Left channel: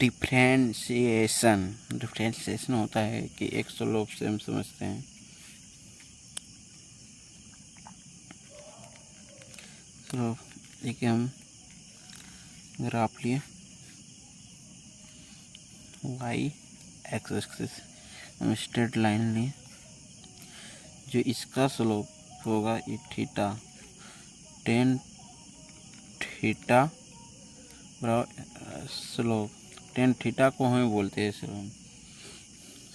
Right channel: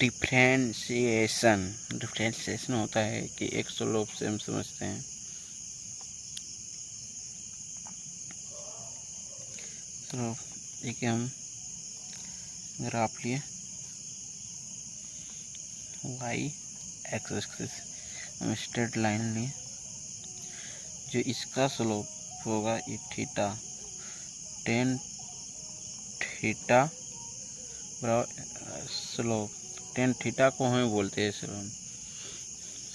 Differentiation होता है कि एक स्लोप से हम समझते हैं। तो एक हम ग्राफ लिए y एक्सिस, हम स्ट्रेट लाइन लिए, जो इसका स्लोप होगा ये theta, tan theta slope, tan theta को हमें बोलते हैं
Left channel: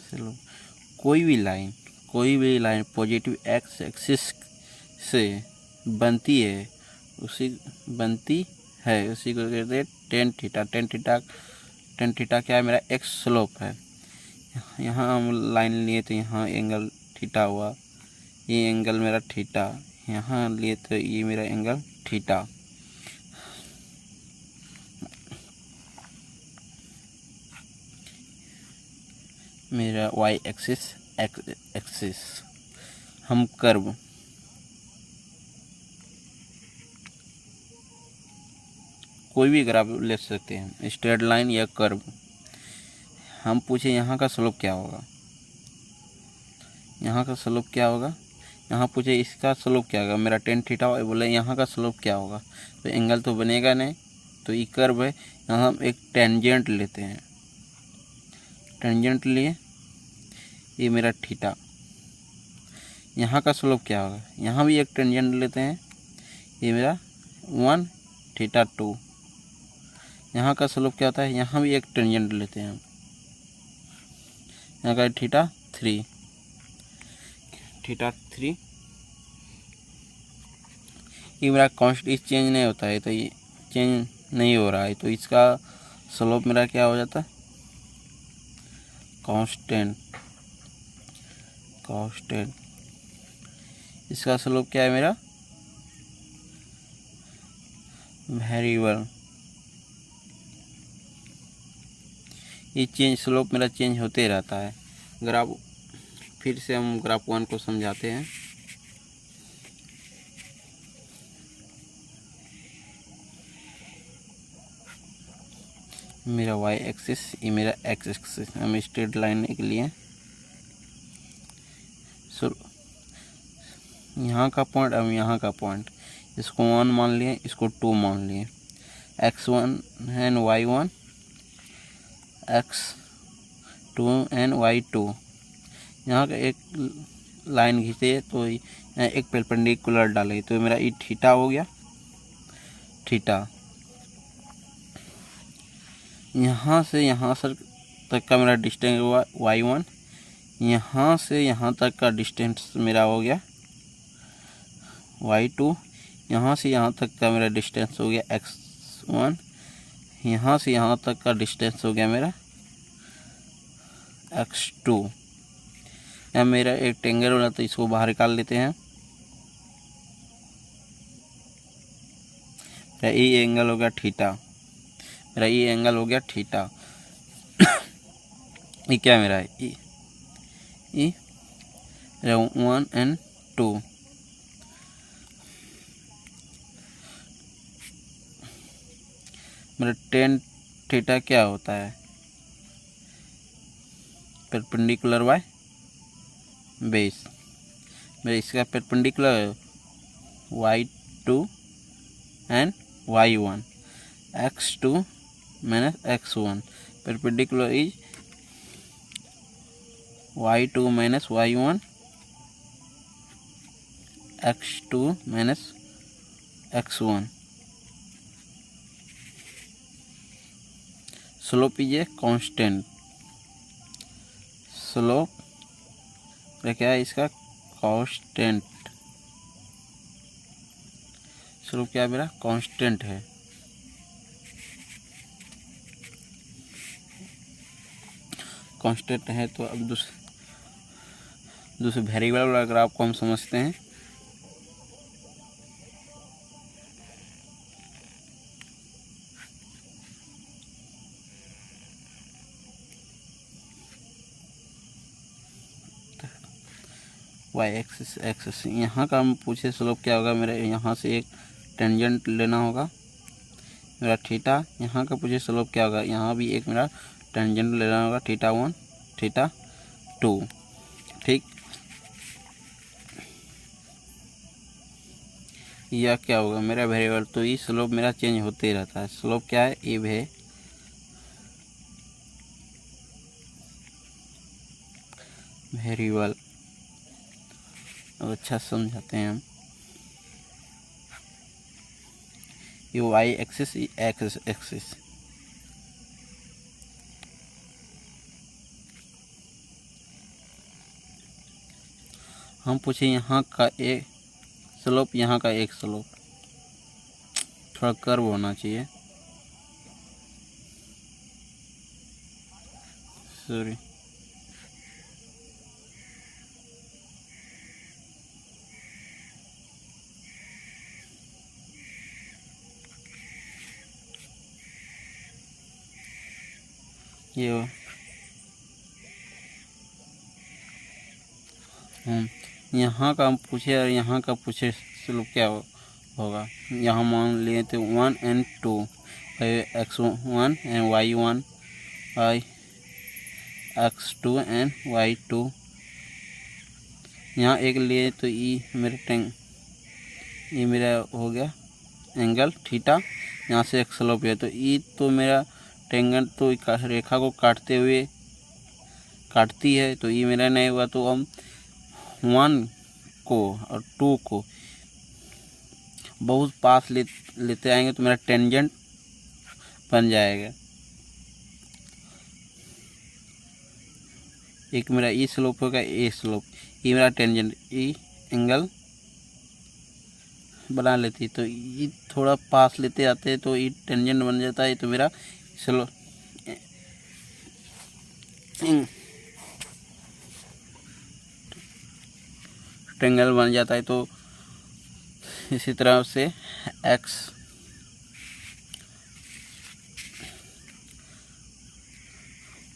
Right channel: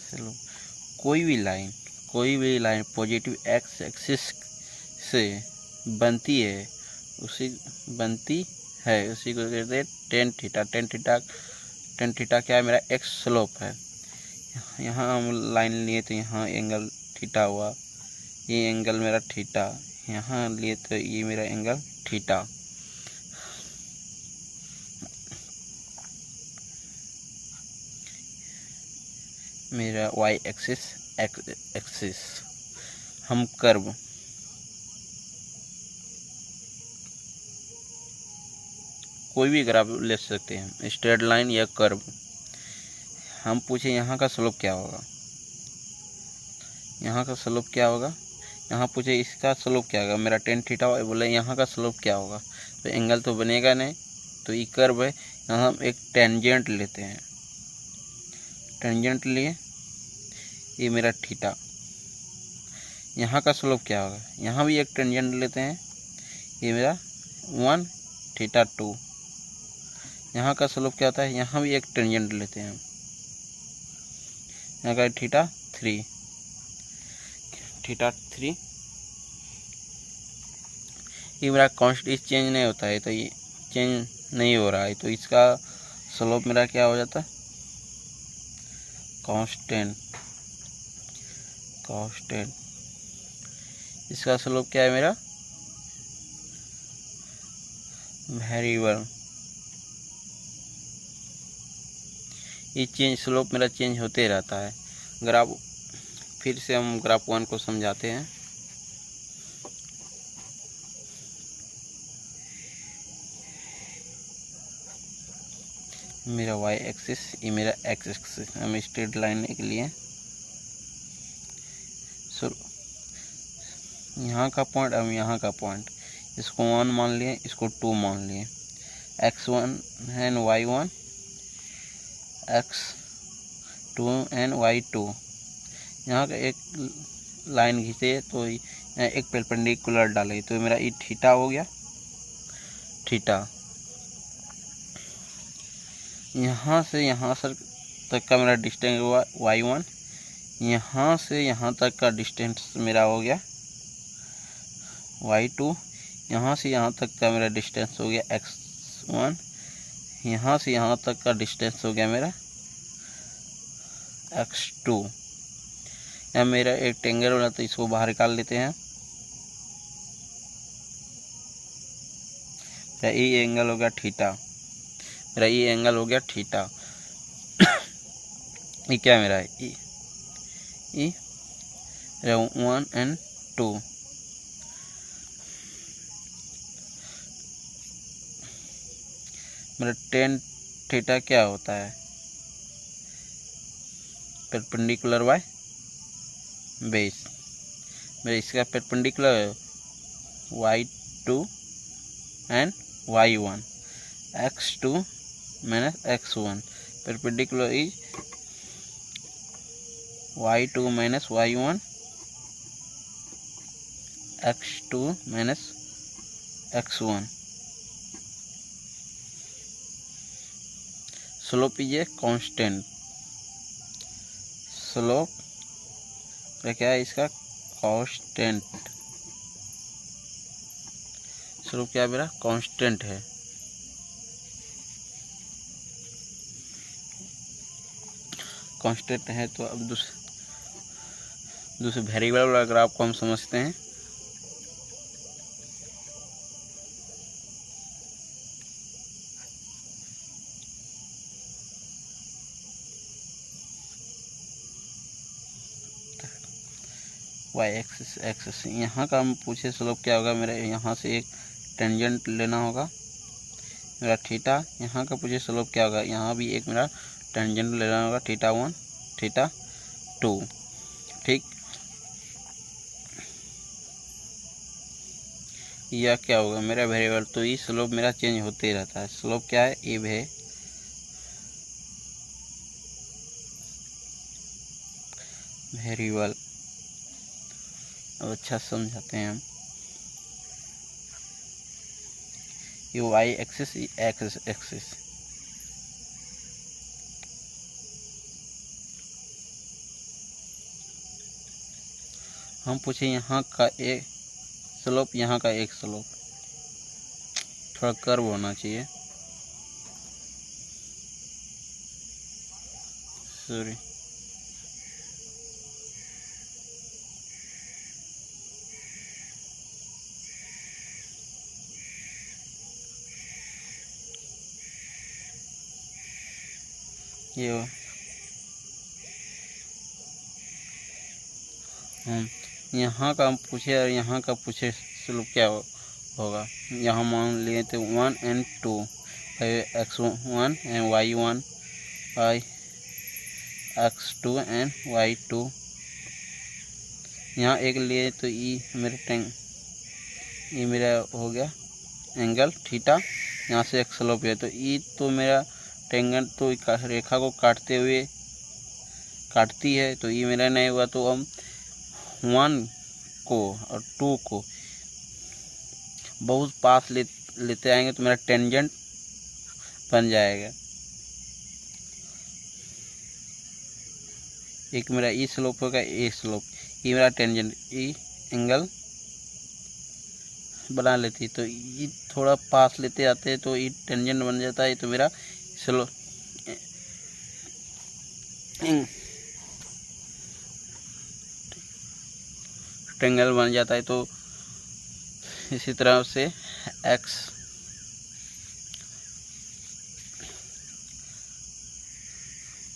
स्लोप। कोई भी लाइन पॉजिटिव एक्स एक्सिस से बनती है उसी को कहते हैं टेन थीटा। टेन थीटा क्या है, मेरा एक्स स्लोप है। यहाँ हम लाइन लिए तो यहाँ एंगल थीटा हुआ, ये एंगल मेरा थीटा, यहाँ लिए तो ये मेरा एंगल थीटा। मेरा y एक्सिस एक्सिस, हम कर्व कोई भी ग्राफ ले सकते हैं, स्ट्रेट लाइन या कर्व। हम पूछे यहाँ का स्लोप क्या होगा, यहाँ पूछे इसका स्लोप क्या होगा, मेरा टेन थीटा बोले यहाँ का स्लोप क्या होगा, तो एंगल तो बनेगा नहीं, तो ये कर्व है। यहाँ हम एक टेंजेंट लेते हैं, टेंजेंट लिए, ये मेरा थीटा, यहाँ का स्लोप क्या होगा, यहाँ भी एक टेंजेंट लेते हैं, ये मेरा 1 थीटा 2, यहाँ का स्लोप क्या होता है, यहाँ भी एक टेंजेंट लेते हैं, यहाँ का थीटा 3, ये मेरा कांस्टेंट चेंज नहीं होता है, तो ये चेंज नहीं हो रहा है, तो इसका स्लोप मेरा क्या हो जाता है, कांस्टेंट। इसका स्लोप क्या है मेरा, वेरिएबल। ये स्लोप मेरा चेंज होते रहता है। ग्राफ फिर से हम ग्राफ 1 को समझाते हैं। मेरा y एक्सिस, ये मेरा x एक्सिस, हम स्ट्रेट लाइन के लिए यहाँ का पॉइंट और यहाँ का पॉइंट, इसको 1 मान लिए, इसको 2 मान लिए, x1 and y1, x2 and y2। यहाँ का एक लाइन खींचे तो एक परपेंडिकुलर डाले, तो मेरा ये थीटा हो गया, थीटा। यहाँ से यहाँ तक का मेरा डिस्टेंस हुआ y1, यहाँ से यहाँ तक का डिस्टेंस मेरा हो गया y2, यहाँ से यहाँ तक का मेरा डिस्टेंस हो गया x1, यहाँ से यहाँ तक का डिस्टेंस हो गया मेरा x2। यहाँ मेरा एक टेंगल हो जाता है, इसको बाहर निकाल लेते हैं, ये एंगल हो गया थीटा, मेरा ये एंगल हो गया थीटा। ये क्या मेरा है, ये 1 एंड 2, मेरा टेन थीटा क्या होता है, परपेंडिकुलर बाय बेस। मेरा इसका परपेंडिकुलर है y2 and y1, x2 minus x1, perpendicular is y2 minus y1, x2 minus x1। Slope is a constant, slope क्या है इसका, कांस्टेंट। स्लोप क्या मेरा कांस्टेंट है। कांस्टेंट है तो अब दूसरे वेरिएबल वाला ग्राफ को हम समझते हैं। y एक्सिस यहाँ का हम पूछे स्लोप क्या होगा, मेरा यहाँ से एक टेंजेंट लेना होगा, मेरा थीटा, यहाँ का पूछे स्लोप क्या होगा, यहाँ भी एक मेरा टेंजेंट लेना होगा θ1 θ2, ठीक। यह क्या होगा मेरा वेरिएबल, तो ये स्लोप मेरा चेंज होते रहता है। स्लोप क्या है, ये है वेरिएबल। अच्छा समझाते हैं हम, ये वाई एक्सिस, एक्स एक्सिस। हम पूछे यहाँ का एक स्लोप, यहाँ का एक स्लोप, थोड़ा कर्व होना चाहिए, सॉरी। ये हम यहाँ का हम पूछे और यहाँ का पूछे स्लोप क्या होगा। यहाँ मान लिए तो 1 and 2, x1 and y1, x2 and y2। यहाँ एक लिए तो ये मेरा हो गया एंगल थीटा, यहाँ से एक स्लोप है, तो ई तो मेरा टेंजेंट तो रेखा को काटती है, तो ये मेरा नहीं हुआ। तो हम 1 को और 2 को बहुत पास लेते आएंगे तो मेरा टेंजेंट बन जाएगा। एक मेरा ई स्लोप होगा, ए स्लोप, ये मेरा टेंजेंट, ई एंगल बना लेती, तो ये थोड़ा पास लेते आते हैं तो ये टेंजेंट बन जाता है, तो मेरा स्लोप ट्रायंगल बन जाता है। तो इसी तरह से x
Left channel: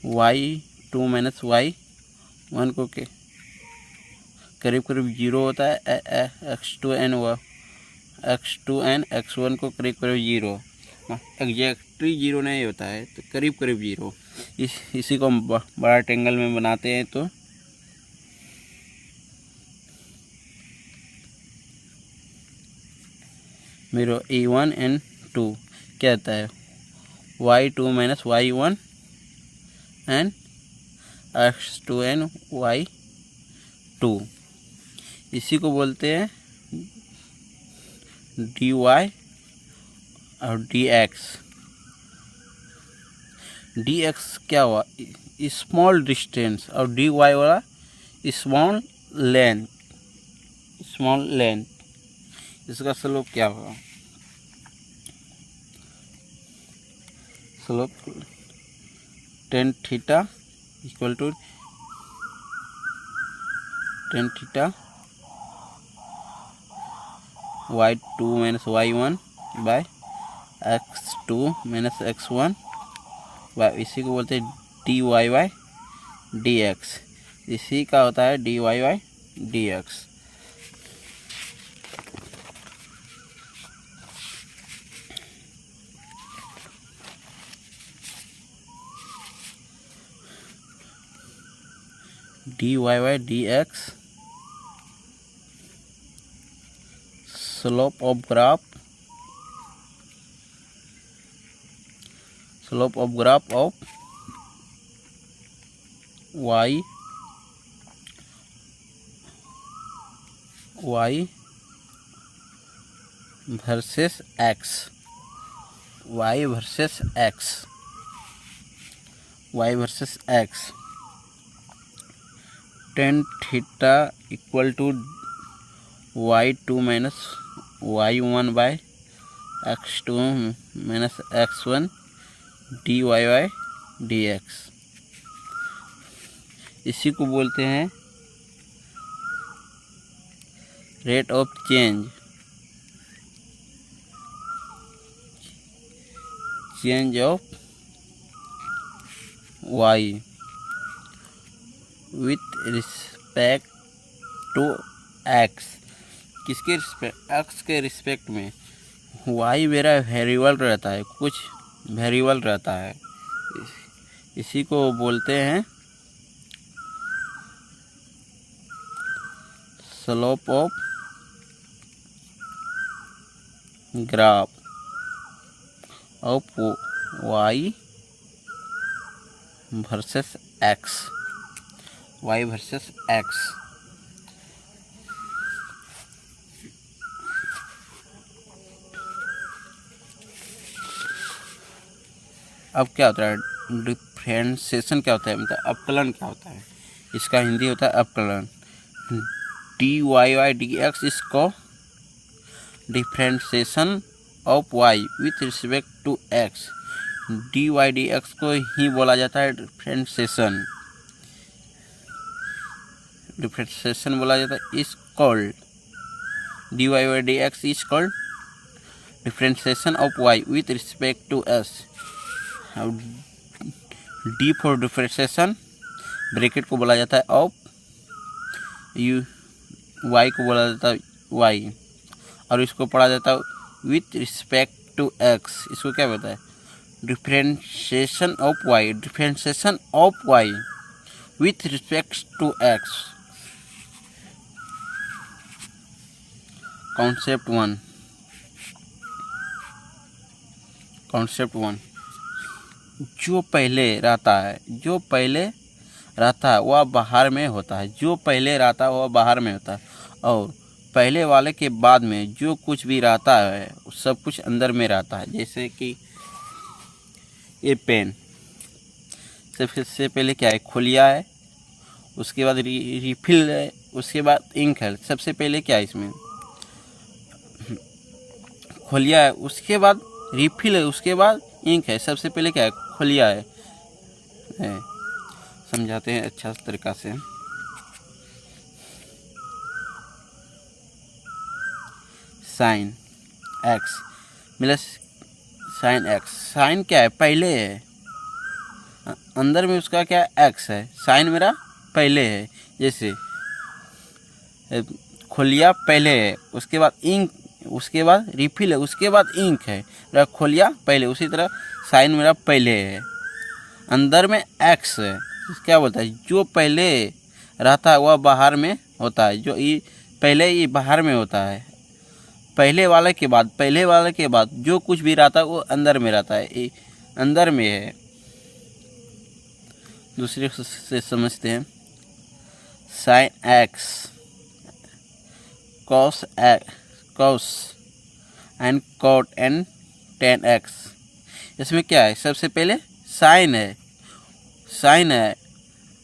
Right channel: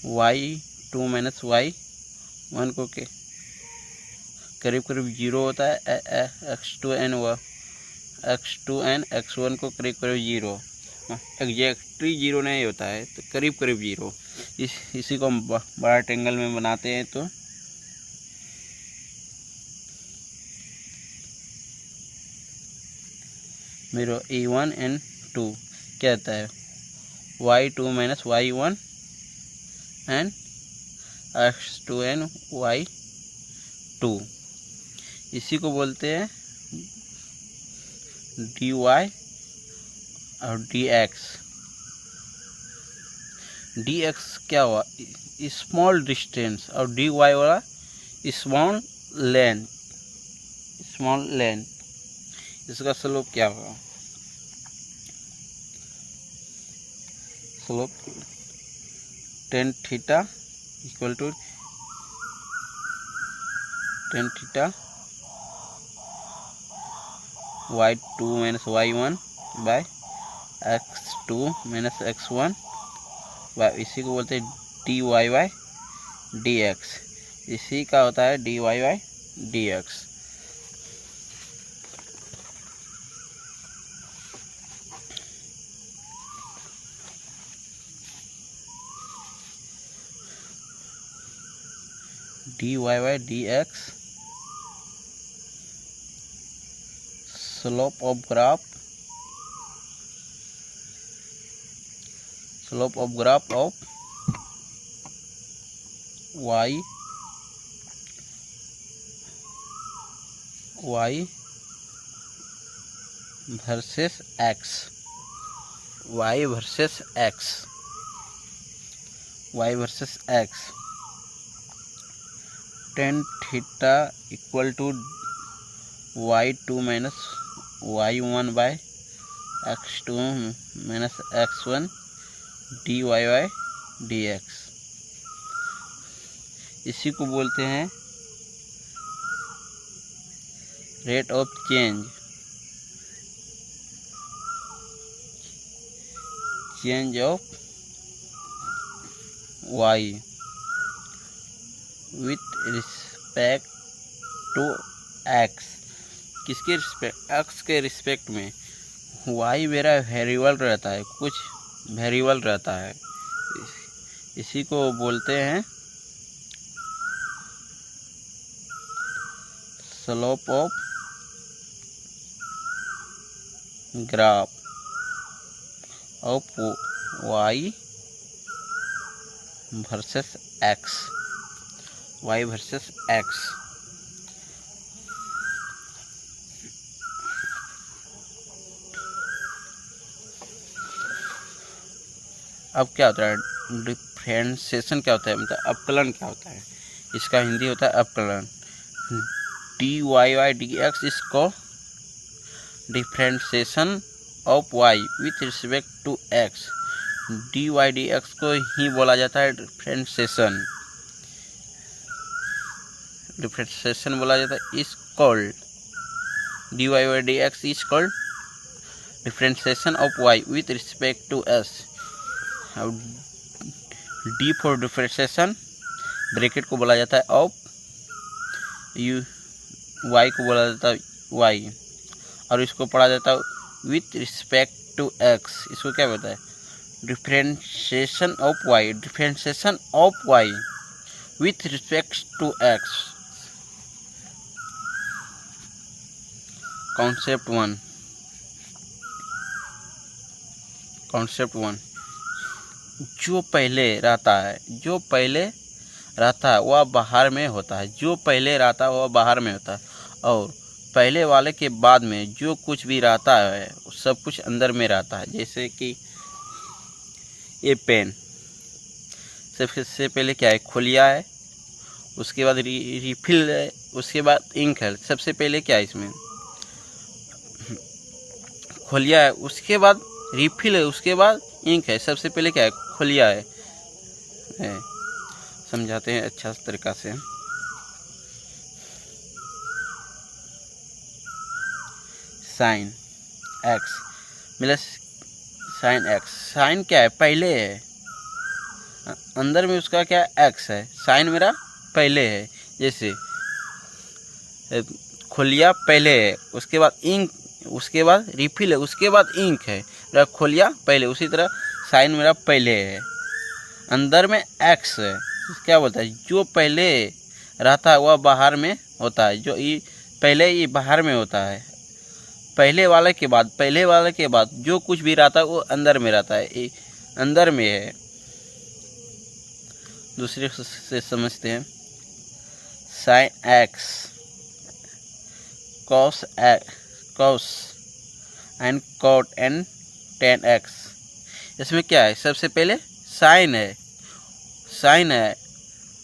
y2 माइनस y1 को के करीब करीब 0 होता है, x2 एंड x1 को करीब करीब 0, एग्जैक्टली 0 नहीं होता है, तो करीब करीब 0। इसी को हम बड़ा ट्रायंगल में बनाते हैं। तो मेरा A1 and 2 क्या आता है, y2 minus y1 and x2 and y2। इसी को बोलते हैं dy और dx। dx क्या हुआ, स्मॉल डिस्टेंस, और dy वाला स्मॉल लेंथ। इसका स्लोप क्या होगा, slope tan theta equal to tan theta y2 minus y1 by x2 minus x1 by, इसी को बोलते हैं dy बाय dx। इसी का होता है dy by dx। dy by dx, slope of graph of y versus x, y versus x। tan theta equal to y2 minus y1 by x2 minus x1 dy by dx। इसी को बोलते हैं rate of change of y with respect to x। किसके respect, x के respect में। Y मेरा variable रहता है, कुछ वेरिएबल रहता है, इसी को बोलते हैं slope of graph of Y versus X, Y versus X. अब क्या होता है डिफरेंशिएशन, क्या होता है मतलब अवकलन क्या होता है, इसका हिंदी होता है अवकलन। D Y Y D x इसको differentiation of Y with respect to x, D y D x को ही बोला जाता है डिफरेंशिएशन, डिफरेंशिएशन बोला जाता है। Is called D Y Y D X is called differentiation of Y with respect to S. D for differentiation, bracket को बोला जाता है ऑफ, यू वाई को बोला जाता है वाई, और इसको पढ़ा जाता है विथ रिस्पेक्ट टू एक्स। इसको क्या बोलता है differentiation of Y, differentiation of Y with respect to X. Concept one, concept one, जो पहले रहता है, जो पहले रहता है वह बाहर में होता है, जो पहले रहता है वह बाहर में होता है, और पहले वाले के बाद में जो कुछ भी रहता है सब कुछ अंदर में रहता है। जैसे कि ये पेन, सबसे पहले क्या है खोलिया है, उसके बाद रिफिल है, उसके बाद इंक है। सबसे पहले क्या है इसमें खोलिया है, उसके बाद रिफिल है, उसके बाद इंक है। सबसे पहले क्या है खोलिया है। समझाते हैं अच्छा तरीका से। साइन एक्स मिले, साइन एक्स, साइन क्या है पहले है, अंदर में उसका क्या एक्स है, साइन मेरा पहले है। जैसे खोलिया पहले है, उसके बाद इंक, उसके बाद रिफिल है, उसके बाद इंक है, खोलिया पहले। उसी तरह साइन मेरा पहले है, अंदर में एक्स है। क्या बोलता है जो पहले रहता है वह बाहर में होता है, जो ये पहले ये बाहर में होता है, पहले वाले के बाद, पहले वाले के बाद जो कुछ भी रहता है वो अंदर में रहता है, ये अंदर में है। दूसरे से समझते हैं sine x cos and cot and tan X. इसमें क्या है सबसे पहले साइन है, साइन है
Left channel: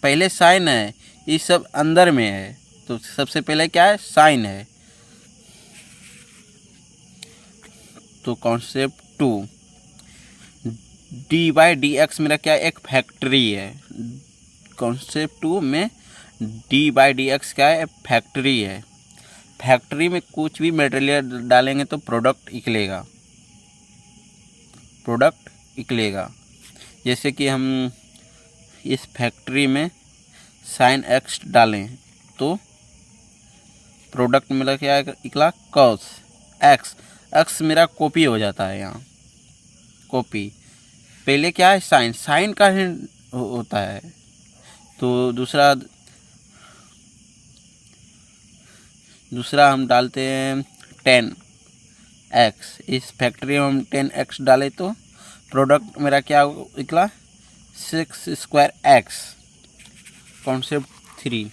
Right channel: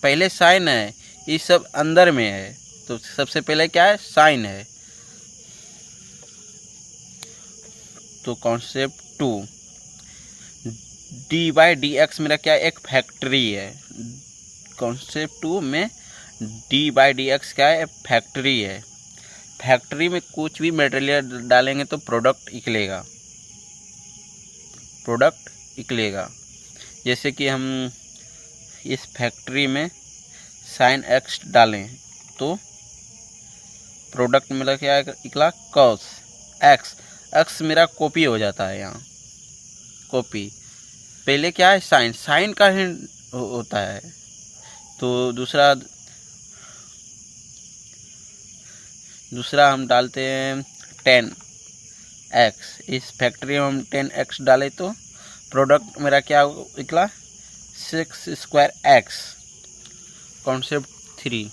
पहले, साइन है, ये सब अंदर में है, तो सबसे पहले क्या है साइन है। तो concept two, D by D X मेरा क्या एक फैक्ट्री है। कॉन्सेप्ट टू में डी बाई डी एक्स क्या है फैक्ट्री है। फैक्ट्री में कुछ भी मटेरियल डालेंगे तो प्रोडक्ट निकलेगा, प्रोडक्ट निकलेगा। जैसे कि हम इस फैक्ट्री में साइन एक्स डालें तो प्रोडक्ट मेरा क्या निकला कॉस एक्स, एक्स मेरा कॉपी हो जाता है यहाँ, कॉपी। पहले क्या है साइन, साइन का ही होता है। तो दूसरा हम डालते हैं 10x, इस फैक्ट्री में हम 10x डाले तो प्रोडक्ट मेरा क्या निकला 6 square x। Concept 3,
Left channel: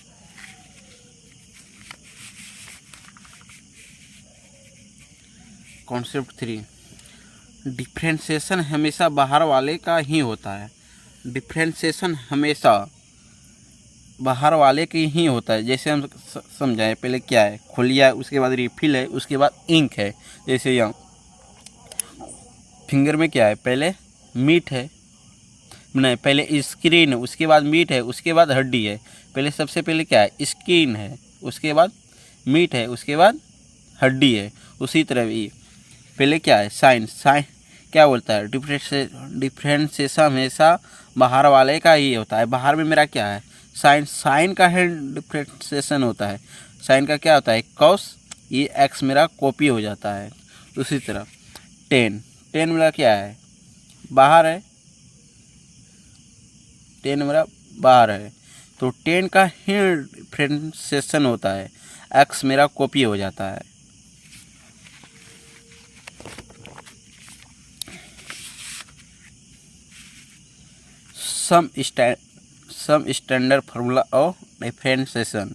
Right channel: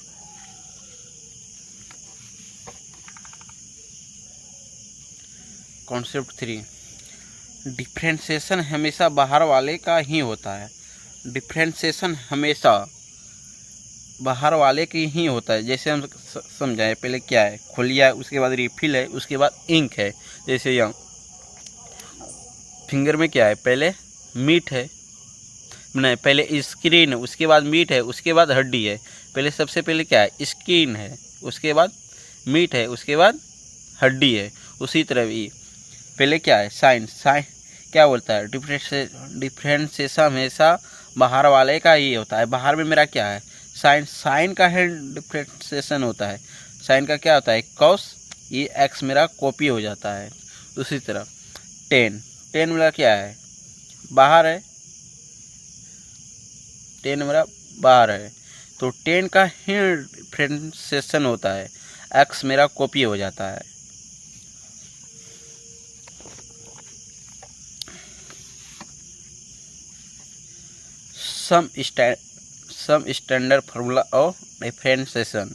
concept 3, differentiation हमेशा बाहर वाले का ही होता है। डिफरेंशिएशन हमेशा बाहर वाले की ही होता है। जैसे हम समझाएं, पहले क्या है खोलिया है, उसके बाद रिफिल है, उसके बाद इंक है। जैसे यहाँ फिंगर में क्या है पहले मीट है, नहीं पहले स्क्रीन है, उसके बाद मीट है, उसके बाद हड्डी है। पहले सबसे पहले क्या है स्क्रीन है, उसके बाद मीट है, उसके बाद हड्डी है। उसी तरह भी पहले क्या है साइन, साइन क्या बोलता है डिफरेंशिएशन हमेशा बाहर वाले का ही होता है। बाहर में मेरा क्या है साइन, साइन का है डिफरेंशिएशन होता है। साइन का क्या होता है कॉस, ये एक्स मेरा कॉपी हो जाता है। उसी तरह 10, 10 मेरा क्या है, बाहर है, 10 मेरा बाहर है, तो 10 का ही डिफरेंशिएशन होता है, x मेरा कॉपी हो जाता है। Some standard formula of differentiation,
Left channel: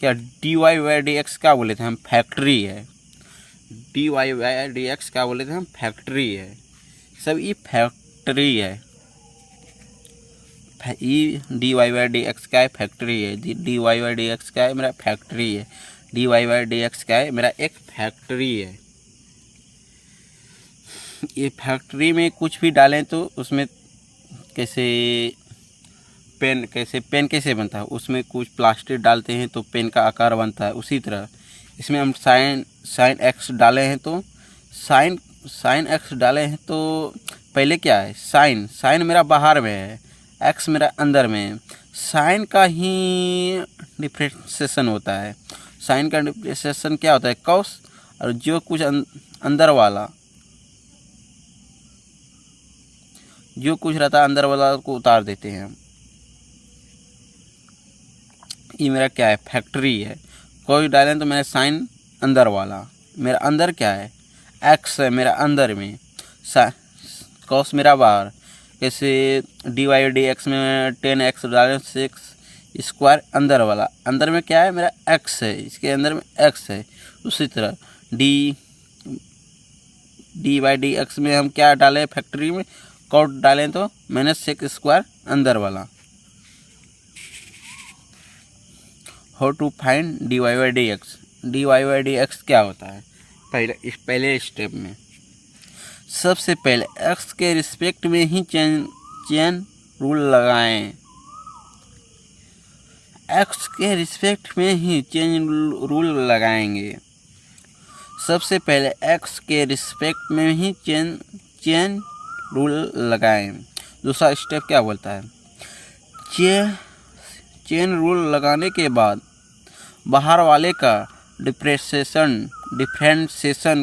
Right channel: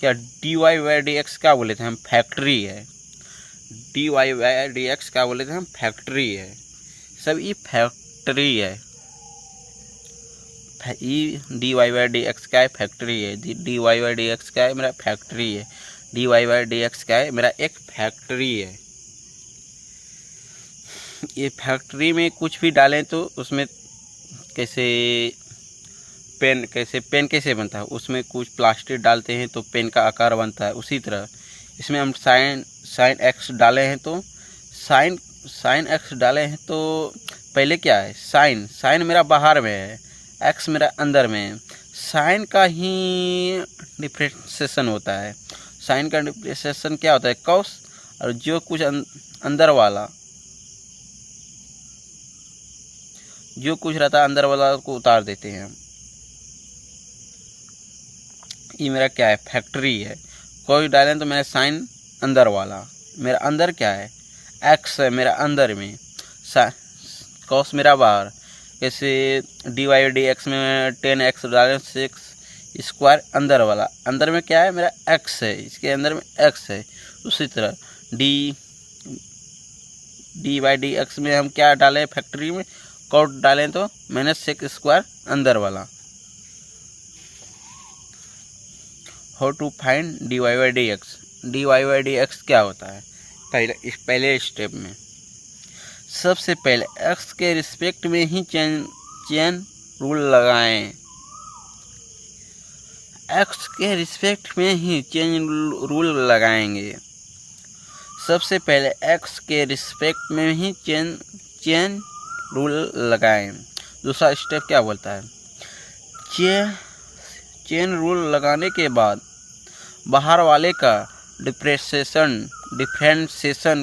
क्या dy बाई डी एक्स क्या बोले थे हम, फैक्ट्री है, dy बाई डी एक्स क्या बोले थे हम, फैक्ट्री है, सब ये फैक्ट्री है, D Y by D X का है फैक्ट्री है, D Y by D X का है मेरा फैक्ट्री है, D Y by D X का है मेरा एक फैक्ट्री है। ये फैक्ट्री में कुछ भी डालें तो उसमें कैसे पेन कैसे बनता है, उसमें कुछ प्लास्टिक डालते हैं तो पेन का आकार बनता है, उसी तरह इसमें हम साइन एक्स डाले हैं तो साइन एक्स डाले हैं तो पहले क्या है, साइन मेरा बाहर में है, एक्स मेरा अंदर में है, साइन का ही डिफरेंशिएशन होता है, साइन का डिफरेंशिएशन क्या होता है, कॉस, और जो कुछ अंदर वाला जो कुछ रहता है अंदर वाला को उतार देते हैं हम। ये मेरा क्या है, फैक्ट्री है, कोई डालें तो मेरा साइन अंदर वाला, मेरा अंदर क्या है, एक्स है मेरा अंदर में, कॉस मेरा बाहर, जैसे डी वाई डी एक्स में 10x डालें 6 स्क्वायर अंदर वाला, अंदर में क्या है मेरा x है, इसके अंदर में x है, उसी तरह डी वाई डी एक्स में हम क्या डालें, फैक्ट्री में कॉट डालें तो -6 स्क्वायर अंदर वाला। How to find D Y by D X, D Y by D x क्या होता है, पहले स्टेप में सबसे पहले x के रिस्पेक्ट में ही चेन रूल लगाएं, x के रिस्पेक्ट में ही चेन रूल लगाएंगे, सबसे पहले x के रिस्पेक्ट में ही चेन रूल लगाएं। दूसरा स्टेप क्या बोलता है, चेन रूल लगाने के बाद बाहर वाले का डिफरेंशिएशन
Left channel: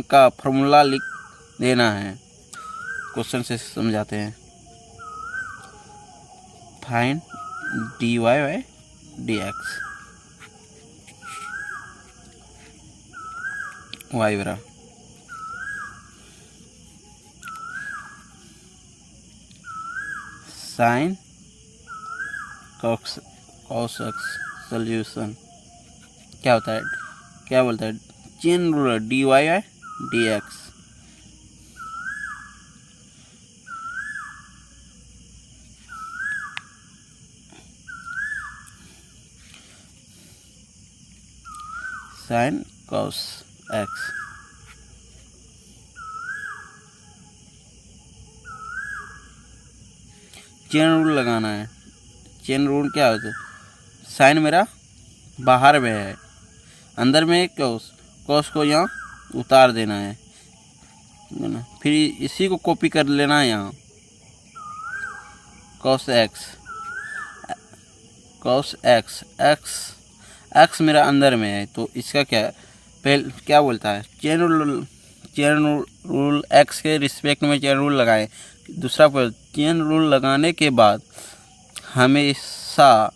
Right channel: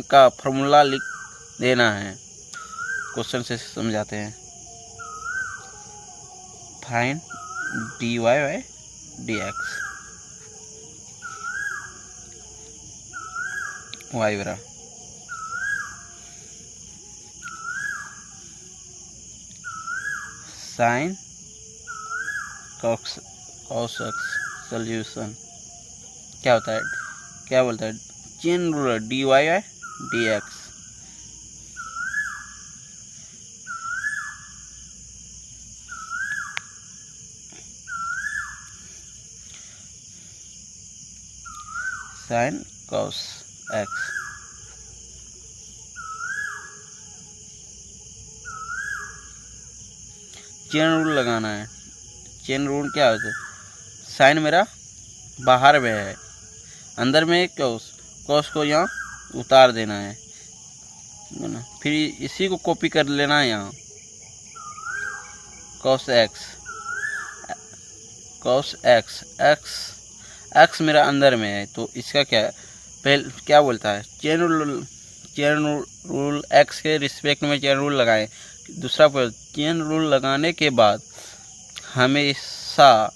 का फॉर्मूला लिख देना है। क्वेश्चन से समझाते हैं, find D Y by D X, Y बरा साइन कॉस एक्स, सोल्यूशन क्या होता है, क्या बोलता है, chain rule D Y by D X, sine cos X, chain rule लगाना है, चेन रूल क्या होता है, साइन मेरा बाहर में है, अंदर में कॉस को यहाँ उतार देना है, फिर इसी को कॉपी कर लेना है यहाँ, कॉस एक्स मेरा अंदर में है, तो इसका क्या है, पहले क्या बोलता है, चेन रूल एक्स के रिस्पेक्ट में चेन रूल लगाएं। दूसरा पर चेन रूल लगाने के बाद हमेशा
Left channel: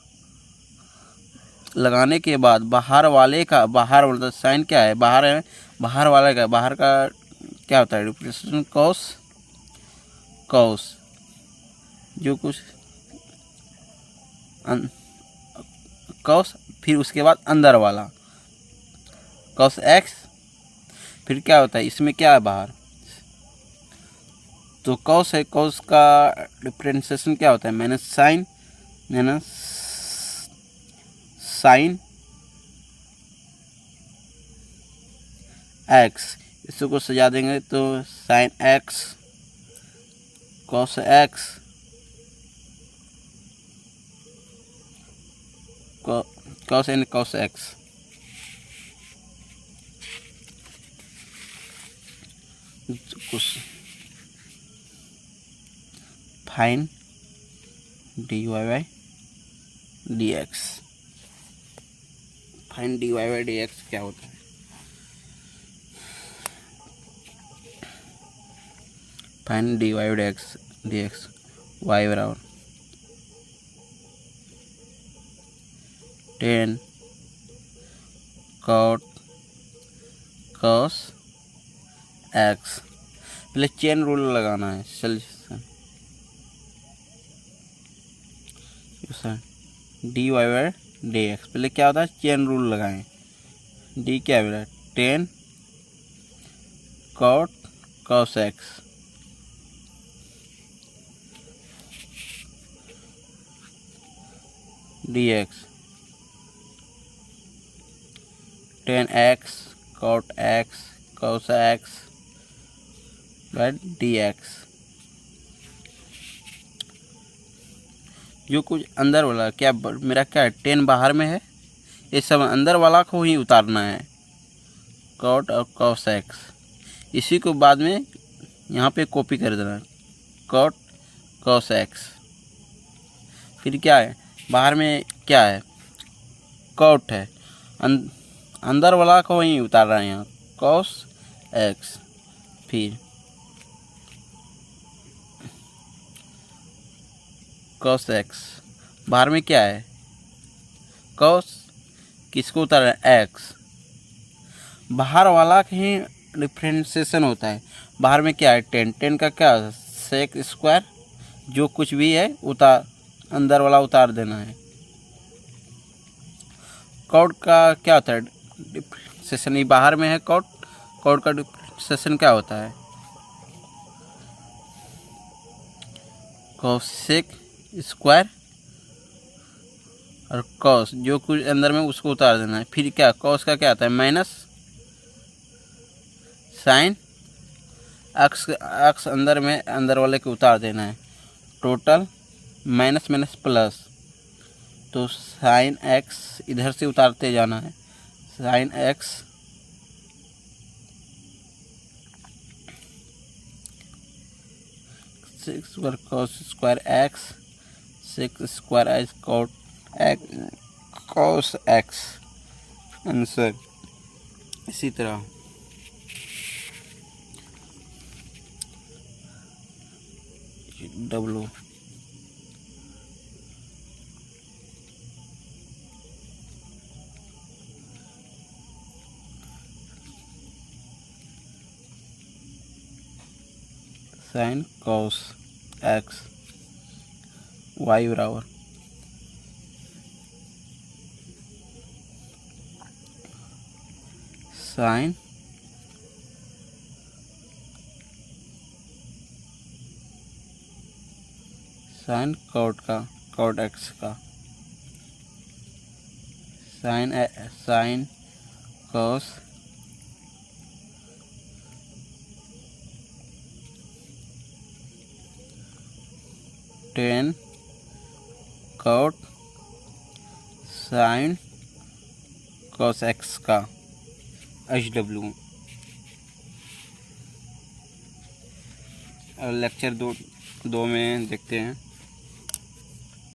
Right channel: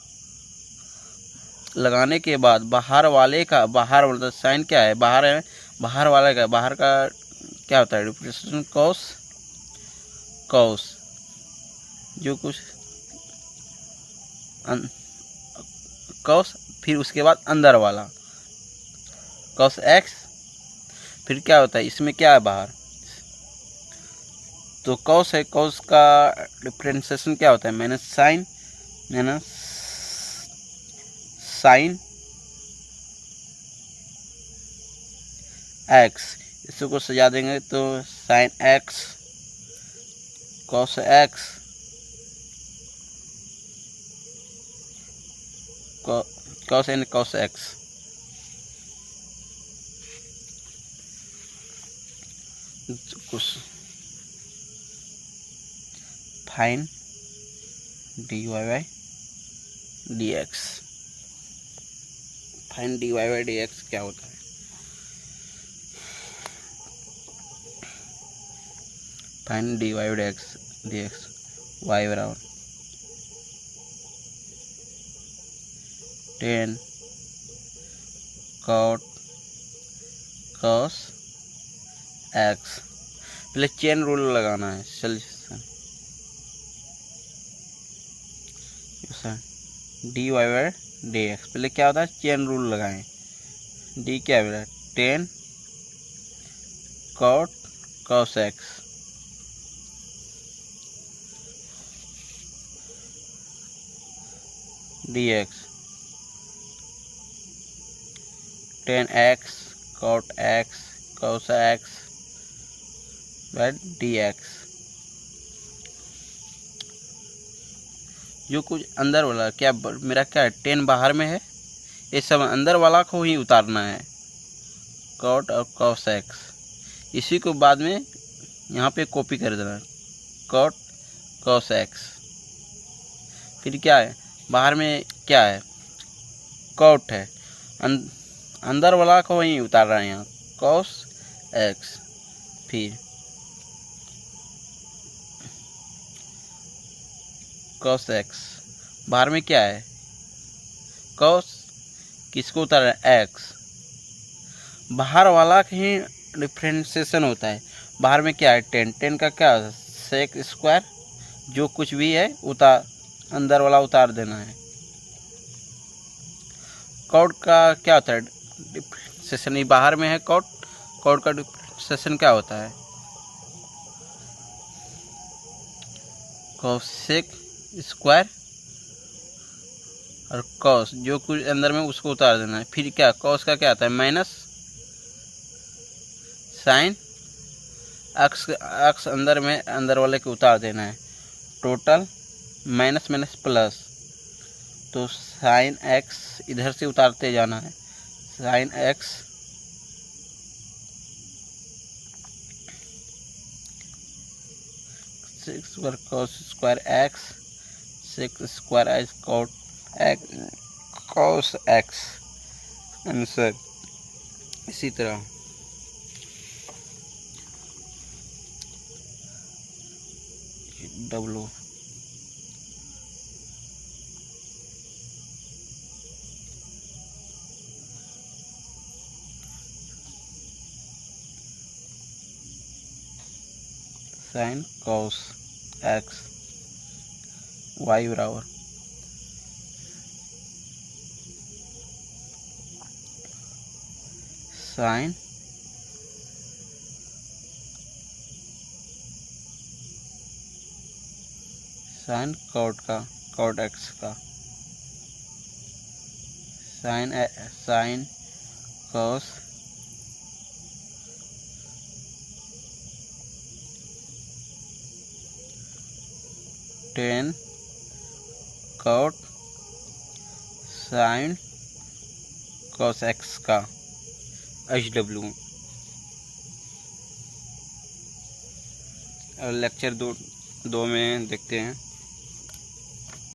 लगाने के बाद बाहर वाले का, बाहर बोलता साइन क्या है, बाहर है, बाहर वाले का, बाहर का क्या होता है, रिप्रेजेंटेशन कॉस जो कुछ कॉस, फिर उसके बाद अंदर वाला कॉस एक्स, फिर क्या होता है, इसमें क्या है बाहर, तो कॉस है, कॉस का डिफरेंशिएशन क्या होता है, माइनस साइन एक्स, इसको सजा देंगे तो sine x cos x cos and cos x, कुछ fine d Y by D x, fine d Y by D x क्या होता है, find dy x dx y बराबर 10 cot cos x। पहले चेन रूल लगाना है। चलिए dy बाई dx, पहले क्या होता है चेन रूल लगाएं। डी क्या है 10 cot cos x dx 10x cot x cos x by dx। जो कुछ अंदर वाला क्या मेरा क्या है 10 बाहर में है, ये सब अंदर वाला को ही उतारना है cot और cos x। इसी को बाद में यहाँ पे कॉपी कर देना है cot cos x। फिर क्या है बाहर में क्या है cot है, अंदर वाला को ही उतार रहा है यहाँ cos x। फिर cos x बाहर में क्या है cos, किसको उतार रहा है x। बाहर वाला का ही डिफ्रेंशिएशन होता है। बाहर में क्या है 10 का क्या सेक स्क्वायर, जो कुछ भी है उतार अंदर वाला उतार देना है। कॉट का क्या होता है डिफ्रेंशिएशन, ये बाहर में है कॉट का डिफ्रेंशिएशन क्या होता है कोसेक स्क्वायर और कॉस, जो कुछ अंदर में उसको उतार देना है। फिर क्या कॉस का क्या आता है माइनस साइन एक्स अंदर में अंदर वाले को उतार देना है। टोटल माइनस माइनस प्लस, तो साइन एक्स इधर से उतारते जाना है। साइन एक्स सिक्स पर cos square X six square H cot X cos X answer. इसी तरह W sine cos X Y बराबर साइन साइन कॉट एक्स का sine cos tan cot sine cos X का HW। और lecture 2 में देखते हैं।